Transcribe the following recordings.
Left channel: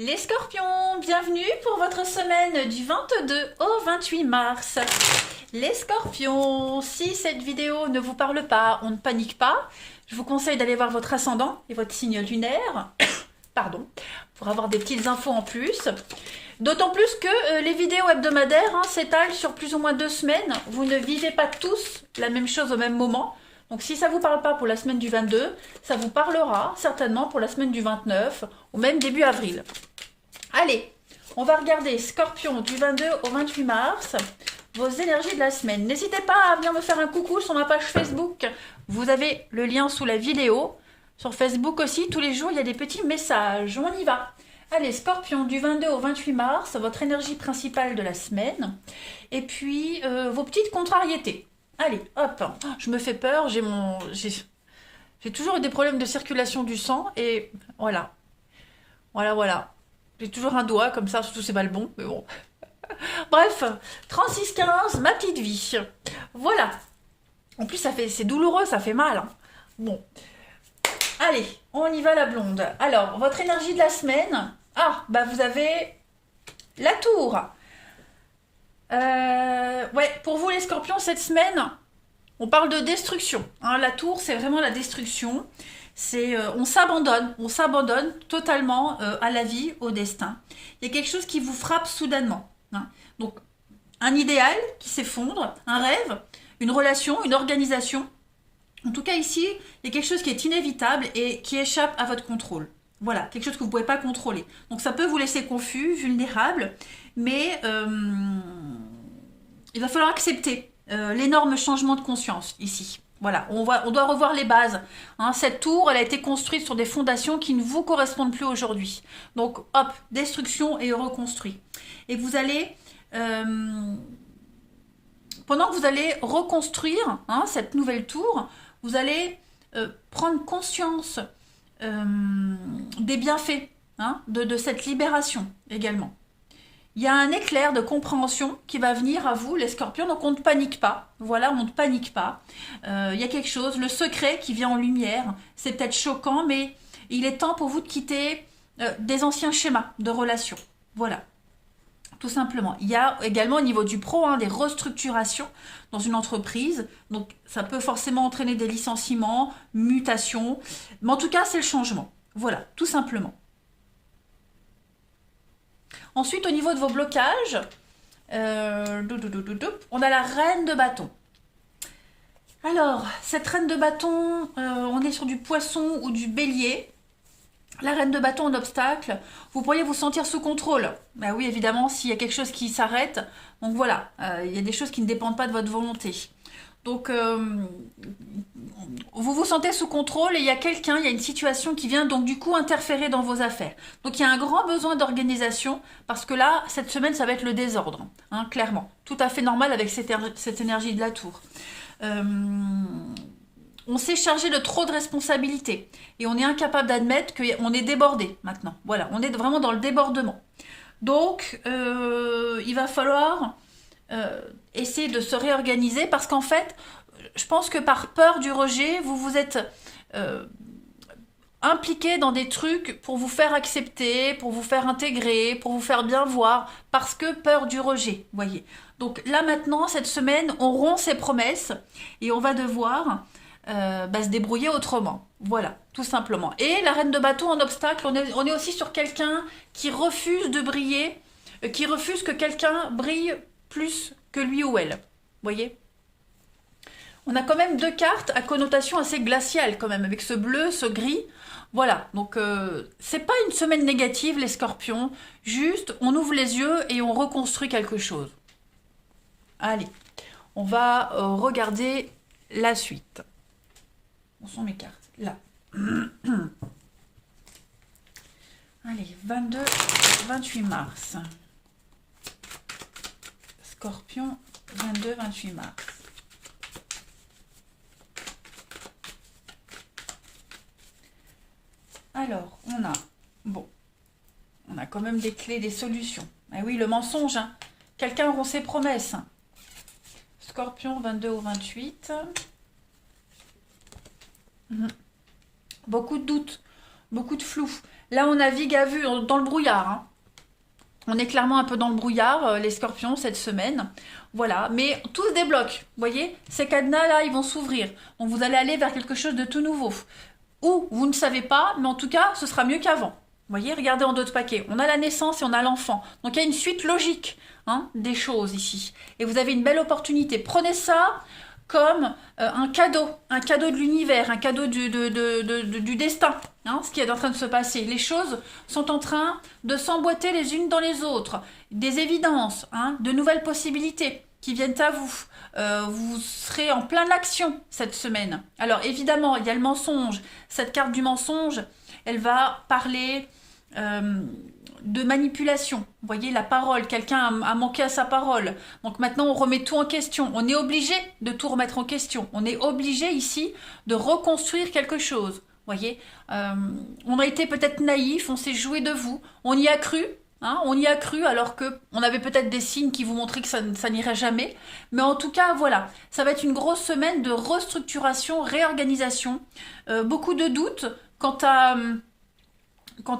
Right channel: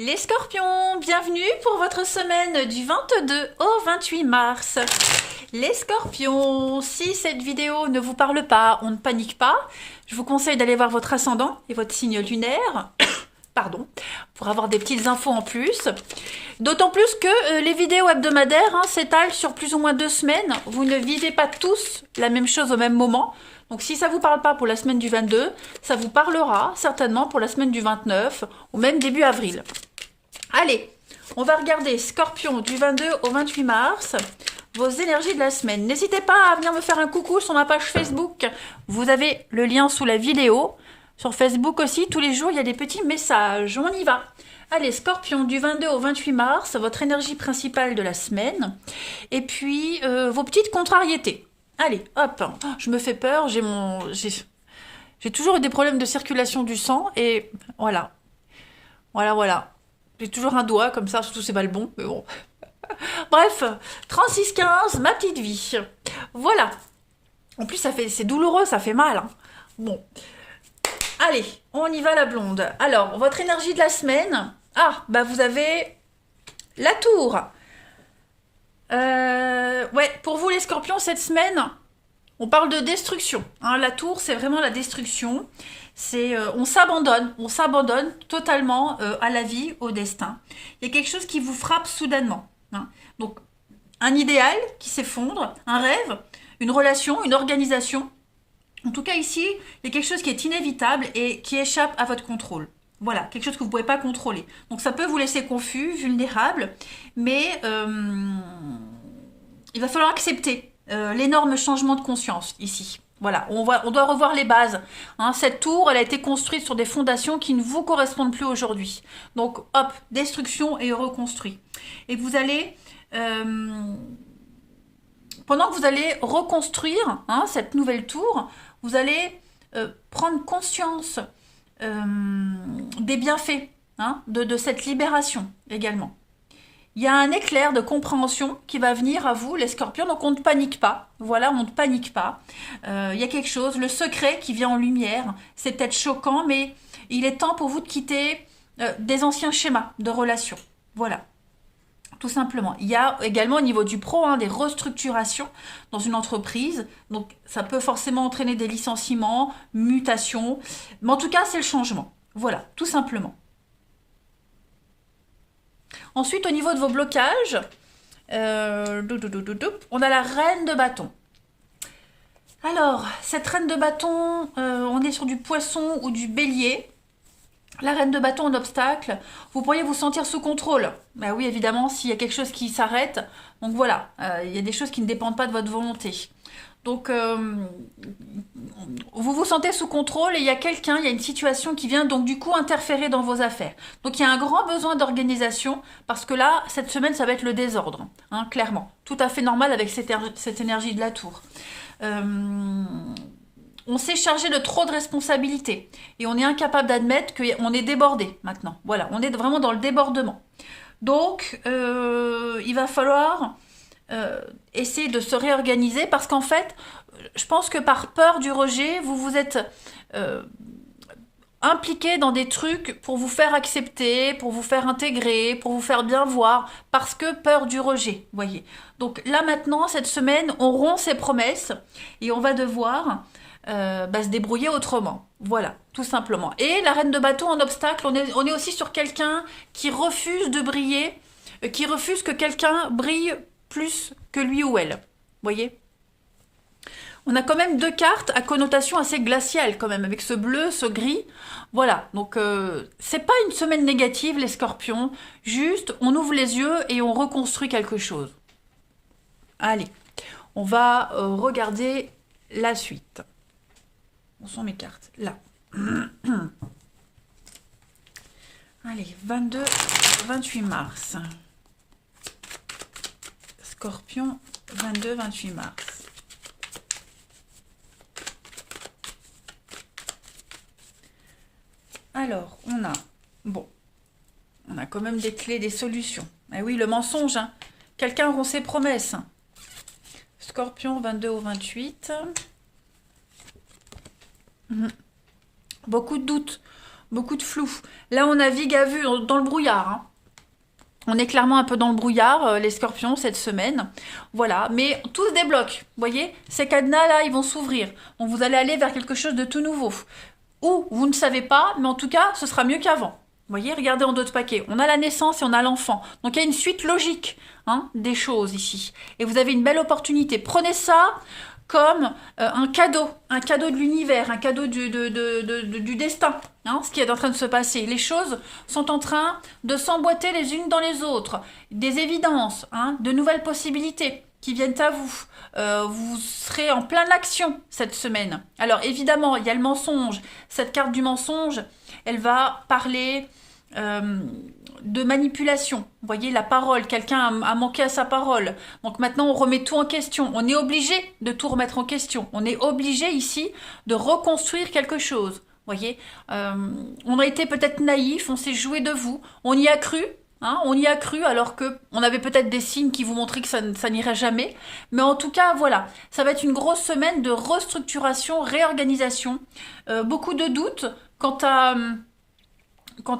Les scorpions, bienvenue pour votre semaine du 22 au 28 mars. Les scorpions, si cette vidéo ne vous parle pas, on ne panique pas. Je vous conseille d'aller voir votre ascendant et votre signe lunaire, pardon, pour avoir des petites infos en plus. D'autant plus que les vidéos hebdomadaires s'étalent sur plus ou moins 2 semaines. Vous ne vivez pas tous la même chose au même moment. Donc si ça ne vous parle pas pour la semaine du 22, ça vous parlera certainement pour la semaine du 29 ou même début avril. Allez, on va regarder Scorpion du 22 au 28 mars, vos énergies de la semaine. N'hésitez pas à venir me faire un coucou sur ma page Facebook. Vous avez le lien sous la vidéo. Sur Facebook aussi, tous les jours, il y a des petits messages. On y va. Allez, Scorpion du 22 au 28 mars, votre énergie principale de la semaine. Et puis, vos petites contrariétés. Allez, hop. Oh, je me fais peur, j'ai toujours eu des problèmes de circulation du sang et voilà. Voilà. J'ai toujours un doigt comme ça, surtout c'est pas le bon, mais bon. Bref, 36-15, ma petite vie. Voilà. En plus, c'est douloureux, ça fait mal. Hein. Bon. Allez, on y va la blonde. Alors, votre énergie de la semaine. Ah, bah vous avez la tour. Ouais, pour vous les scorpions, cette semaine, on parle de destruction. Hein, la tour, c'est vraiment la destruction. On s'abandonne totalement à la vie, au destin. Il y a quelque chose qui vous frappe soudainement. Hein. Donc, un idéal qui s'effondre, un rêve, une relation, une organisation. En tout cas, ici, il y a quelque chose qui est inévitable et qui échappe à votre contrôle. Voilà, quelque chose que vous ne pouvez pas contrôler. Donc, ça peut vous laisser confus, vulnérable, mais il va falloir accepter l'énorme changement de conscience ici. Voilà, on doit revoir les bases. Hein, cette tour, elle a été construite sur des fondations qui ne vous correspondent plus aujourd'hui. Donc, hop, destruction et reconstruit. Et vous allez, pendant que vous allez reconstruire cette nouvelle tour, vous allez prendre conscience des bienfaits de cette libération également. Il y a un éclair de compréhension qui va venir à vous, les scorpions, donc on ne panique pas. Voilà, on ne panique pas. Il y a quelque chose, le secret qui vient en lumière. C'est peut-être choquant, mais il est temps pour vous de quitter des anciens schémas de relations. Voilà, tout simplement. Il y a également au niveau du pro des restructurations dans une entreprise. Donc ça peut forcément entraîner des licenciements, mutations. Mais en tout cas, c'est le changement. Voilà, tout simplement. Ensuite, au niveau de vos blocages, on a la reine de bâton. Alors, cette reine de bâton, on est sur du poisson ou du bélier. La reine de bâton en obstacle, vous pourriez vous sentir sous contrôle. Ben oui, évidemment, s'il y a quelque chose qui s'arrête. Donc voilà, il y a des choses qui ne dépendent pas de votre volonté. Donc, vous vous sentez sous contrôle et il y a une situation qui vient donc du coup interférer dans vos affaires. Donc il y a un grand besoin d'organisation parce que là, cette semaine, ça va être le désordre, clairement. Tout à fait normal avec cette énergie de la tour. On s'est chargé de trop de responsabilités et on est incapable d'admettre qu'on est débordé maintenant. Voilà, on est vraiment dans le débordement. Donc, il va falloir essayer de se réorganiser parce qu'en fait, je pense que par peur du rejet, vous vous êtes impliqué dans des trucs pour vous faire accepter, pour vous faire intégrer, pour vous faire bien voir, parce que peur du rejet, voyez. Donc là maintenant, cette semaine, on rompt ses promesses et on va devoir se débrouiller autrement. Voilà, tout simplement. Et la reine de bâton en obstacle, on est aussi sur quelqu'un qui refuse de briller, qui refuse que quelqu'un brille plus que lui ou elle. Voyez ? On a quand même 2 cartes à connotation assez glaciale quand même, avec ce bleu, ce gris. Voilà, donc c'est pas une semaine négative les scorpions, juste on ouvre les yeux et on reconstruit quelque chose. Allez, on va regarder la suite. Où sont mes cartes? Là. Allez, 22, 28 mars. Scorpion, 22, 28 mars. Alors, on a quand même des clés, des solutions. Ah oui, le mensonge, quelqu'un rompt ses promesses. Scorpion, 22 au 28. Beaucoup de doutes, beaucoup de flou. Là, on navigue à vue dans le brouillard, hein. On est clairement un peu dans le brouillard, les scorpions, cette semaine. Voilà, mais tout se débloque. Vous voyez, ces cadenas-là, ils vont s'ouvrir. Donc, vous allez aller vers quelque chose de tout nouveau. Ou, vous ne savez pas, mais en tout cas, ce sera mieux qu'avant. Vous voyez, regardez en d'autres paquets. On a la naissance et on a l'enfant. Donc, il y a une suite logique, hein, des choses ici. Et vous avez une belle opportunité. Prenez ça comme un cadeau de l'univers, un cadeau du destin, hein, ce qui est en train de se passer. Les choses sont en train de s'emboîter les unes dans les autres. Des évidences, hein, de nouvelles possibilités qui viennent à vous. Vous serez en pleine action cette semaine. Alors évidemment, il y a le mensonge. Cette carte du mensonge, elle va parler de manipulation. Vous voyez, la parole, quelqu'un a manqué à sa parole. Donc maintenant, on remet tout en question. On est obligé de tout remettre en question. On est obligé ici de reconstruire quelque chose. Vous voyez, on a été peut-être naïf, on s'est joué de vous, on y a cru. Hein, on y a cru alors que on avait peut-être des signes qui vous montraient que ça n'irait jamais. Mais en tout cas, voilà, ça va être une grosse semaine de restructuration, réorganisation. Beaucoup de doutes quant à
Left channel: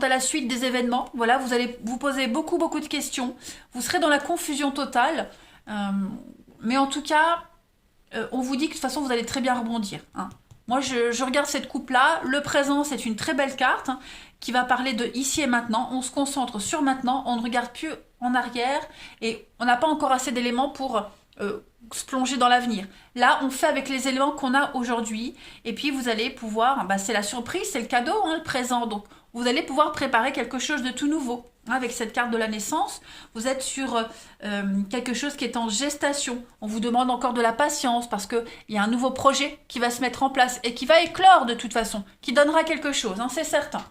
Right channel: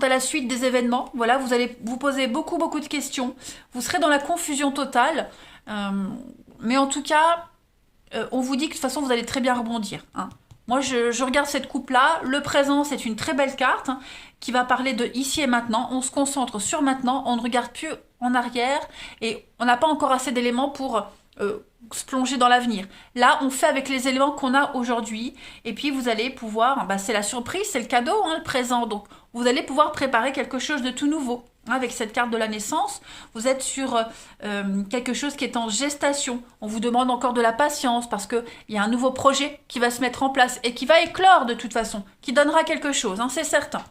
la suite des événements. Voilà, vous allez vous poser beaucoup de questions. Vous serez dans la confusion totale. Mais en tout cas, on vous dit que de toute façon, vous allez très bien rebondir. Hein. Moi, je regarde cette coupe-là. Le présent, c'est une très belle carte, hein, qui va parler de ici et maintenant. On se concentre sur maintenant. On ne regarde plus en arrière. Et on n'a pas encore assez d'éléments pour se plonger dans l'avenir. Là, on fait avec les éléments qu'on a aujourd'hui. Et puis, vous allez pouvoir... c'est la surprise, c'est le cadeau, hein, le présent. Donc, vous allez pouvoir préparer quelque chose de tout nouveau. Avec cette carte de la naissance, vous êtes sur quelque chose qui est en gestation. On vous demande encore de la patience parce qu'il y a un nouveau projet qui va se mettre en place et qui va éclore de toute façon, qui donnera quelque chose, hein, c'est certain.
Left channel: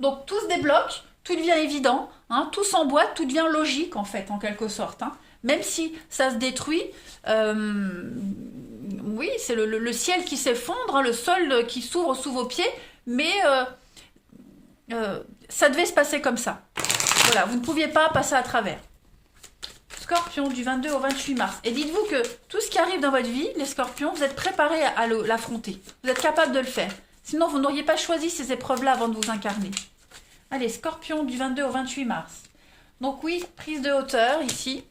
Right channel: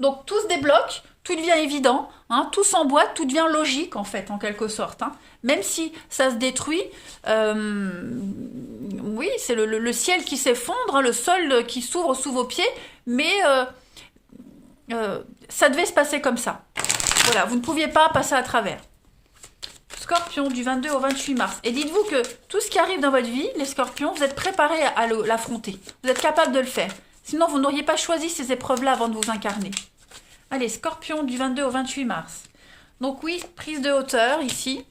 Donc tout se débloque, tout devient évident, hein, tout s'emboîte, tout devient logique en fait, en quelque sorte. Hein. Même si ça se détruit, oui, c'est le ciel qui s'effondre, hein, le sol qui s'ouvre sous vos pieds, mais... ça devait se passer comme ça. Voilà, vous ne pouviez pas passer à travers. Scorpion, du 22 au 28 mars. Et dites-vous que tout ce qui arrive dans votre vie, les scorpions, vous êtes préparés à l'affronter. Vous êtes capable de le faire. Sinon, vous n'auriez pas choisi ces épreuves-là avant de vous incarner. Allez, Scorpion, du 22 au 28 mars. Donc oui, prise de hauteur, ici.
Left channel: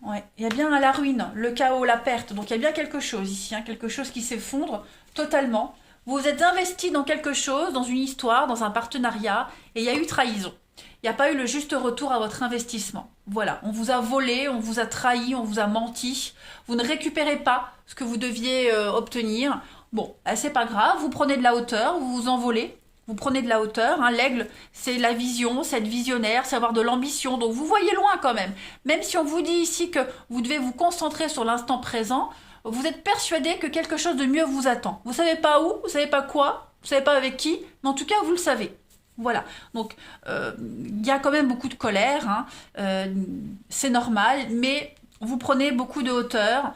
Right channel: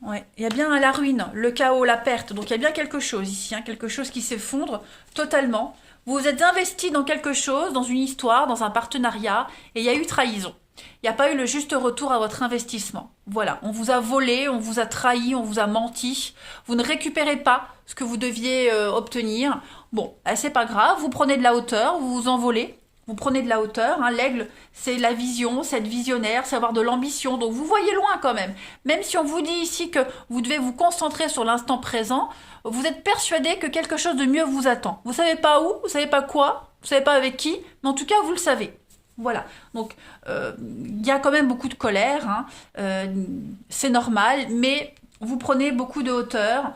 Ouais, il y a bien la ruine, le chaos, la perte. Donc il y a bien quelque chose ici, hein, quelque chose qui s'effondre totalement. Vous êtes investi dans quelque chose, dans une histoire, dans un partenariat, et il y a eu trahison. Il n'y a pas eu le juste retour à votre investissement. Voilà, on vous a volé, on vous a trahi, on vous a menti. Vous ne récupérez pas ce que vous deviez obtenir. Bon, c'est pas grave, vous prenez de la hauteur, vous vous envolez. Vous prenez de la hauteur, hein. L'aigle, c'est la vision, c'est être visionnaire, c'est avoir de l'ambition. Donc vous voyez loin quand même. Même si on vous dit ici que vous devez vous concentrer sur l'instant présent, vous êtes persuadé que quelque chose de mieux vous attend. Vous savez pas où, vous savez pas quoi, vous savez pas avec qui, mais en tout cas vous le savez. Voilà. Donc il y a quand même beaucoup de colère, hein. C'est normal, mais vous prenez beaucoup de hauteur.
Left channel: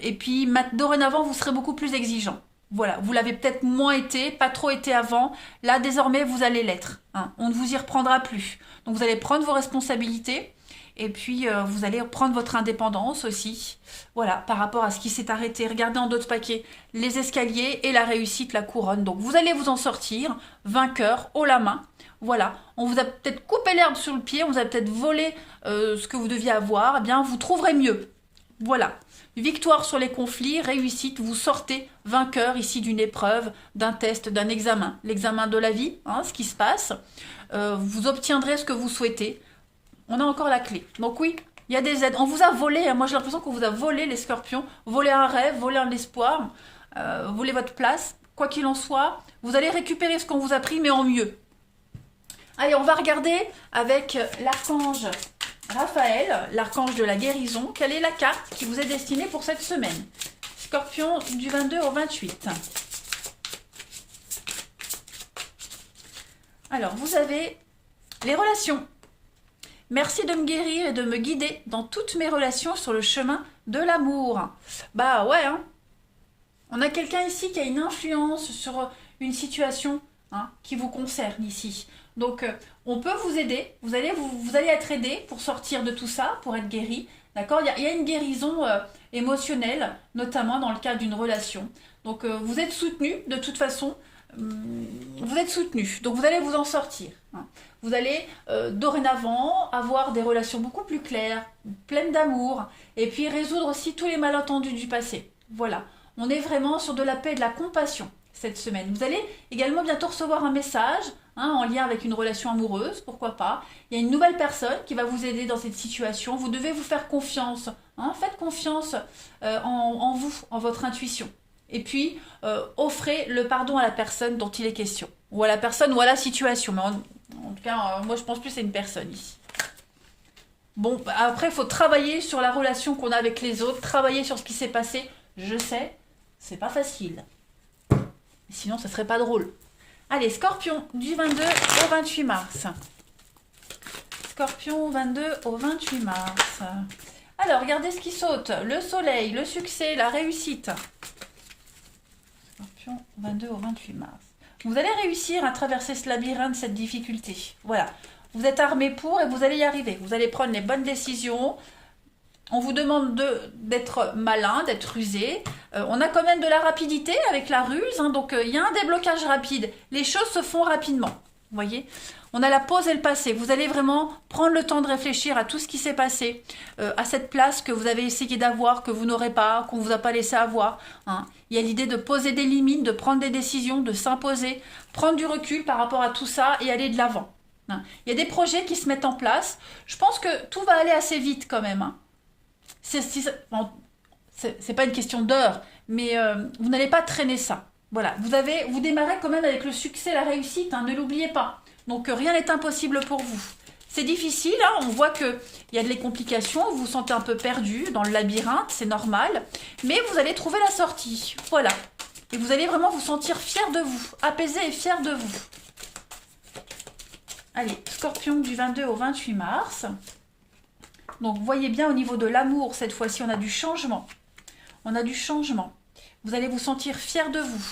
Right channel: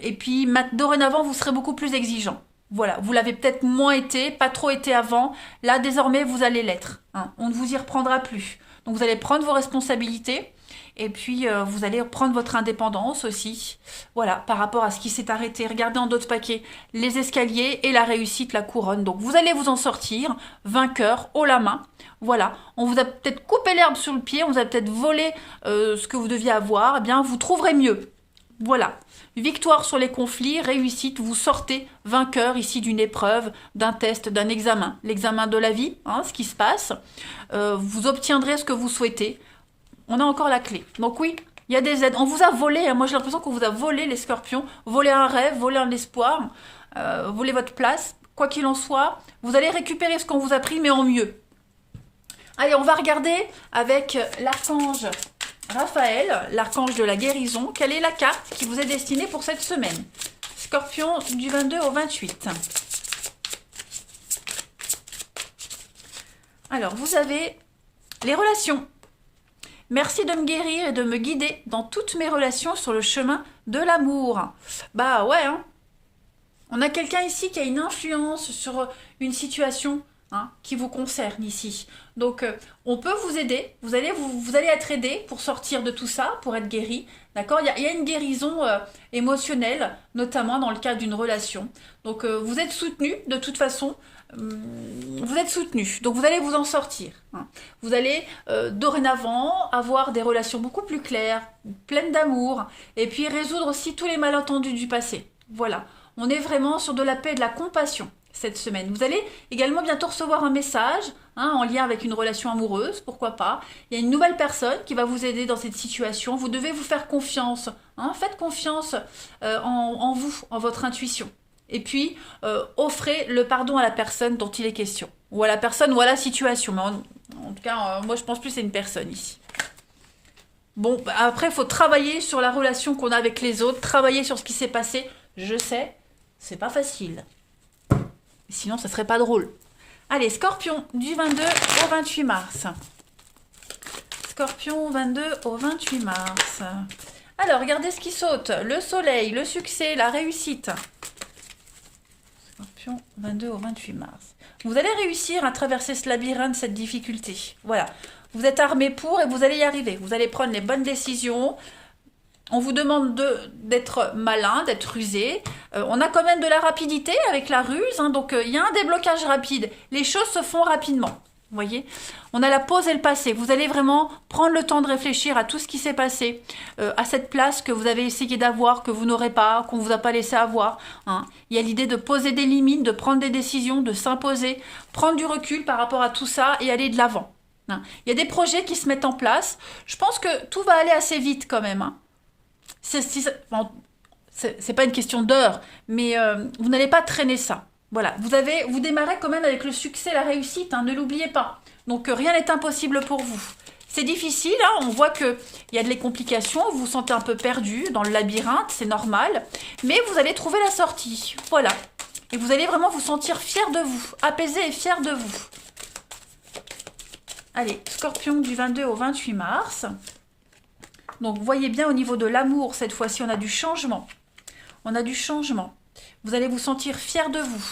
Et puis dorénavant vous serez beaucoup plus exigeant. Voilà, vous l'avez peut-être moins été, pas trop été avant. Là, désormais, vous allez l'être. Hein. On ne vous y reprendra plus. Donc, vous allez prendre vos responsabilités et puis vous allez prendre votre indépendance aussi. Voilà, par rapport à ce qui s'est arrêté. Regardez en d'autres paquets les escaliers et la réussite, la couronne. Donc, vous allez vous en sortir, vainqueur, haut la main. Voilà, on vous a peut-être coupé l'herbe sur le pied, on vous a peut-être volé ce que vous deviez avoir. Eh bien, vous trouverez mieux. Voilà. Victoire sur les conflits, réussite, vous sortez vainqueur ici d'une épreuve, d'un test, d'un examen. L'examen de la vie, hein, ce qui se passe. Vous obtiendrez ce que vous souhaitez. On a encore la clé. Donc oui, il y a des aides. On vous a volé, hein, moi j'ai l'impression qu'on vous a volé les scorpions, volé un rêve, volé un espoir, volé votre place. Quoi qu'il en soit, vous allez récupérer ce qu'on vous a pris, mais en mieux. Allez, on va regarder avec l'archange Raphaël, l'archange de la guérison. Quelle est la carte qui vous est destinée pour cette semaine? Scorpion, du 22 au 28. Alors, vous avez les relations. Merci de me guérir et de me guider dans toutes mes relations sur le chemin de l'amour. Bah ouais, hein. On a quelqu'un ici qui a une influence sur une situation, hein, qui vous concerne ici. Donc, on peut vous aider. Vous allez être aidé pour sortir de tout ça, pour être guéri. D'accord? Il y a une guérison émotionnelle, notamment dans le cadre d'une relation. Donc vous êtes soutenu de toute façon. Vous êtes soutenu, donc vous allez vous en sortir. Hein. Vous allez dorénavant avoir des relations beaucoup plus claires, pleines d'amour, et puis résoudre aussi tous les malentendus du passé. Voilà, on est vraiment sur de la paix et de la compassion cette semaine. Vous allez également bientôt recevoir un message en lien avec une relation amoureuse, pourquoi pas. Il y a une nouvelle personne qui va vous aider dans cette situation. Vous devez vous faire confiance. Faites confiance en vous, en votre intuition. Et puis, offrez le pardon à la personne dont il est question. Ou à la personne ou à la situation. Mais en tout cas, moi je pense plus que c'est une personne ici. Bon, après, il faut travailler sur la relation qu'on a avec les autres. Travailler sur ce qui s'est passé. Je sais, c'est pas facile. Sinon, ça serait pas drôle. Allez, Scorpion, du 22 au 28 mars. Scorpion, 22 au 28 mars. Alors, regardez ce qui saute. Le soleil, le succès, la réussite. Scorpion, 22 au 28 mars. Vous allez réussir à traverser ce labyrinthe, cette difficulté. Voilà. Vous êtes armé pour et vous allez y arriver. Vous allez prendre les bonnes décisions. On vous demande d'être malin, d'être rusé. On a quand même de la rapidité avec la ruse, donc il y a un déblocage rapide. Les choses se font rapidement, vous voyez. On a la pause et le passé. Vous allez vraiment prendre le temps de réfléchir à tout ce qui s'est passé, à cette place que vous avez essayé d'avoir, que vous n'aurez pas, qu'on ne vous a pas laissé avoir. Il y a l'idée de poser des limites, de prendre des décisions, de s'imposer, prendre du recul par rapport à tout ça et aller de l'avant. Il y a des projets qui se mettent en place. Je pense que tout va aller assez vite quand même. C'est pas une question d'heure, mais vous n'allez pas traîner ça. Voilà, vous démarrez quand même avec le succès, la réussite, ne l'oubliez pas. Donc rien n'est impossible pour vous. C'est difficile, on voit qu'il y a des complications, vous vous sentez un peu perdu dans le labyrinthe, c'est normal, mais vous allez trouver la sortie. Voilà. Et vous allez vraiment vous sentir fier de vous, apaisé et fier de vous. Allez, Scorpion du 22 au 28 mars. Donc, vous voyez bien au niveau de l'amour, cette fois-ci, on a du changement. On a du changement. Vous allez vous sentir fier de vous.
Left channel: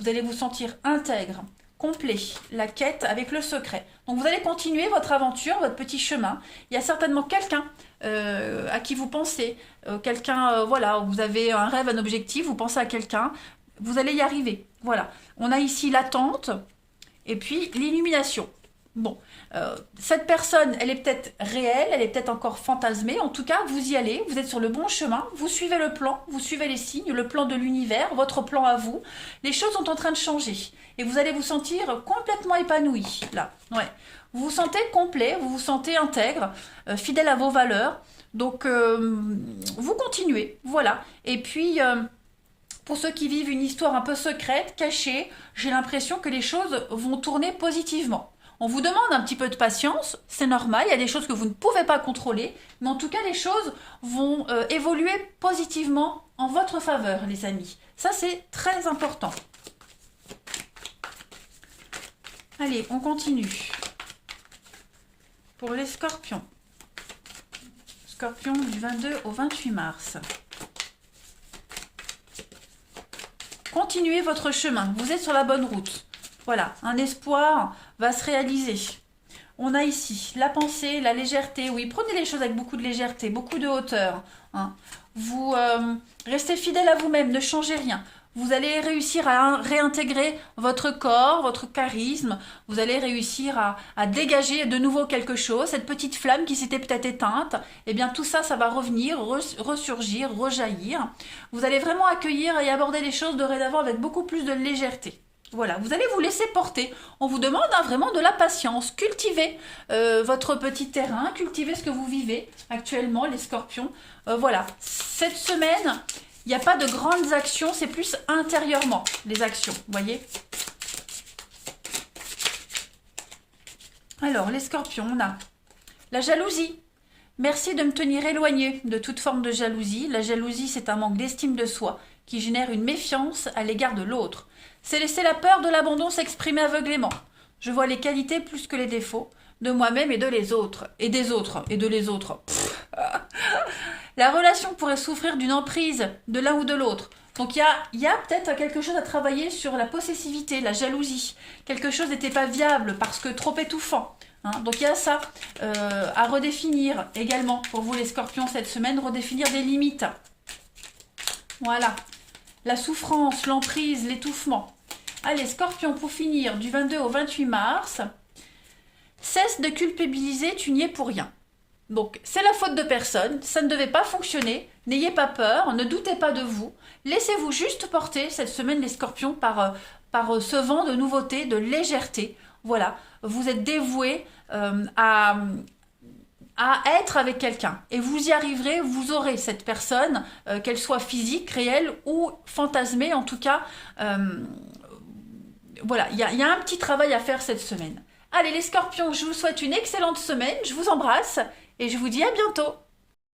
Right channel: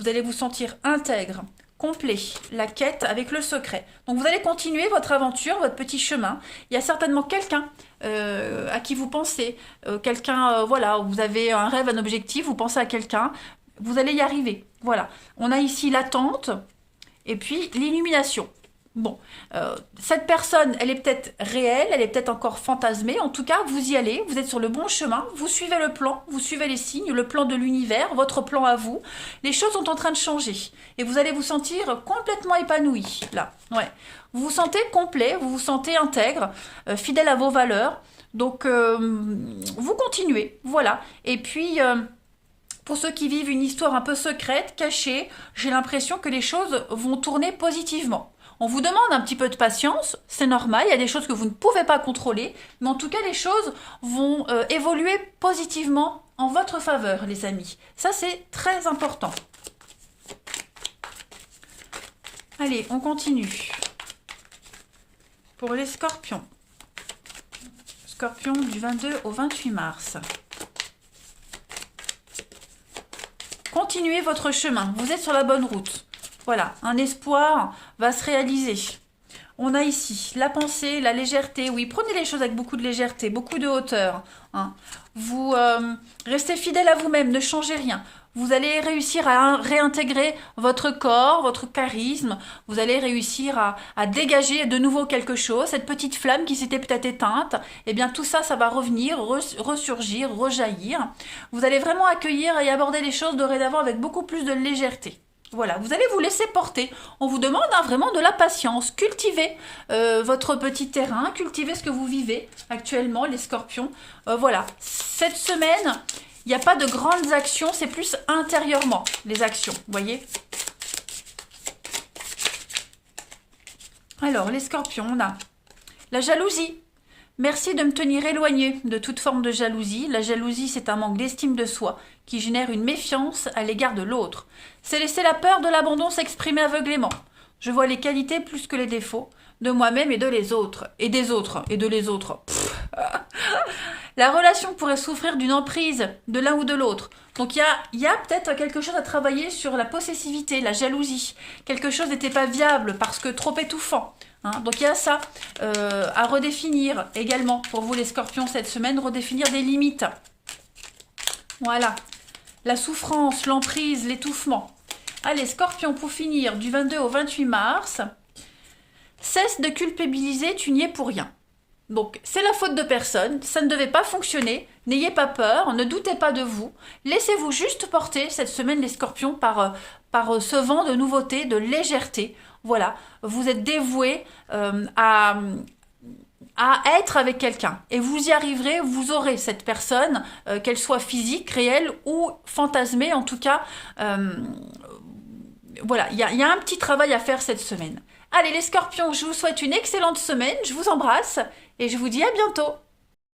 Vous allez vous sentir intègre, complet. La quête avec le secret. Donc, vous allez continuer votre aventure, votre petit chemin. Il y a certainement quelqu'un à qui vous pensez. Quelqu'un, voilà, vous avez un rêve, un objectif, vous pensez à quelqu'un. Vous allez y arriver. Voilà. On a ici l'attente et puis l'illumination. Bon, cette personne, elle est peut-être réelle, elle est peut-être encore fantasmée. En tout cas, vous y allez, vous êtes sur le bon chemin, vous suivez le plan, vous suivez les signes, le plan de l'univers, votre plan à vous. Les choses sont en train de changer et vous allez vous sentir complètement épanoui, là. Ouais. Vous vous sentez complet, vous vous sentez intègre, fidèle à vos valeurs. Donc, vous continuez, voilà. Et puis... pour ceux qui vivent une histoire un peu secrète, cachée, j'ai l'impression que les choses vont tourner positivement. On vous demande un petit peu de patience, c'est normal, il y a des choses que vous ne pouvez pas contrôler, mais en tout cas les choses vont évoluer positivement en votre faveur, les amis. Ça, c'est très important. Allez, on continue. Pour les scorpions. Scorpion du 22 au 28 mars. Continuez votre chemin, vous êtes sur la bonne route. Voilà, un espoir va se réaliser. On a ici la pensée, la légèreté. Oui, prenez les choses avec beaucoup de légèreté, beaucoup de hauteur. Vous restez fidèle à vous-même, ne changez rien. Vous allez réussir à réintégrer votre corps, votre charisme. Vous allez réussir à dégager de nouveau quelque chose. Cette petite flamme qui s'était peut-être éteinte, eh bien tout ça, ça va revenir, ressurgir, rejaillir. Vous allez vraiment accueillir et aborder les choses dorénavant avec beaucoup plus de légèreté. Voilà, vous allez vous laisser porter. On vous demande vraiment de la patience. Cultivez votre petit terrain, cultivez ce que vous vivez actuellement, les scorpions. Voilà, cette semaine, il n'y a pas de grandes actions, c'est plus intérieurement, les actions, vous voyez. Alors, les scorpions, on a la jalousie. Merci de me tenir éloigné de toute forme de jalousie. La jalousie, c'est un manque d'estime de soi qui génère une méfiance à l'égard de l'autre. C'est laisser la peur de l'abandon s'exprimer aveuglément. Je vois les qualités plus que les défauts de moi-même et de les autres. Et des autres. Et de les autres. La relation pourrait souffrir d'une emprise de l'un ou de l'autre. Donc il y a peut-être quelque chose à travailler sur la possessivité, la jalousie. Quelque chose n'était pas viable parce que trop étouffant. Donc il y a ça à redéfinir également pour vous les scorpions cette semaine, redéfinir des limites. Voilà. La souffrance, l'emprise, l'étouffement. Allez, Scorpion, pour finir, du 22 au 28 mars, cesse de culpabiliser, tu n'y es pour rien. Donc, c'est la faute de personne, ça ne devait pas fonctionner, n'ayez pas peur, ne doutez pas de vous, laissez-vous juste porter cette semaine les scorpions par ce vent de nouveauté, de légèreté. Voilà, vous êtes dévoués à être avec quelqu'un et vous y arriverez, vous aurez cette personne, qu'elle soit physique, réelle ou fantasmée, en tout cas, voilà, il y a un petit travail à faire cette semaine. Allez les scorpions, je vous souhaite une excellente semaine, je vous embrasse et je vous dis à bientôt.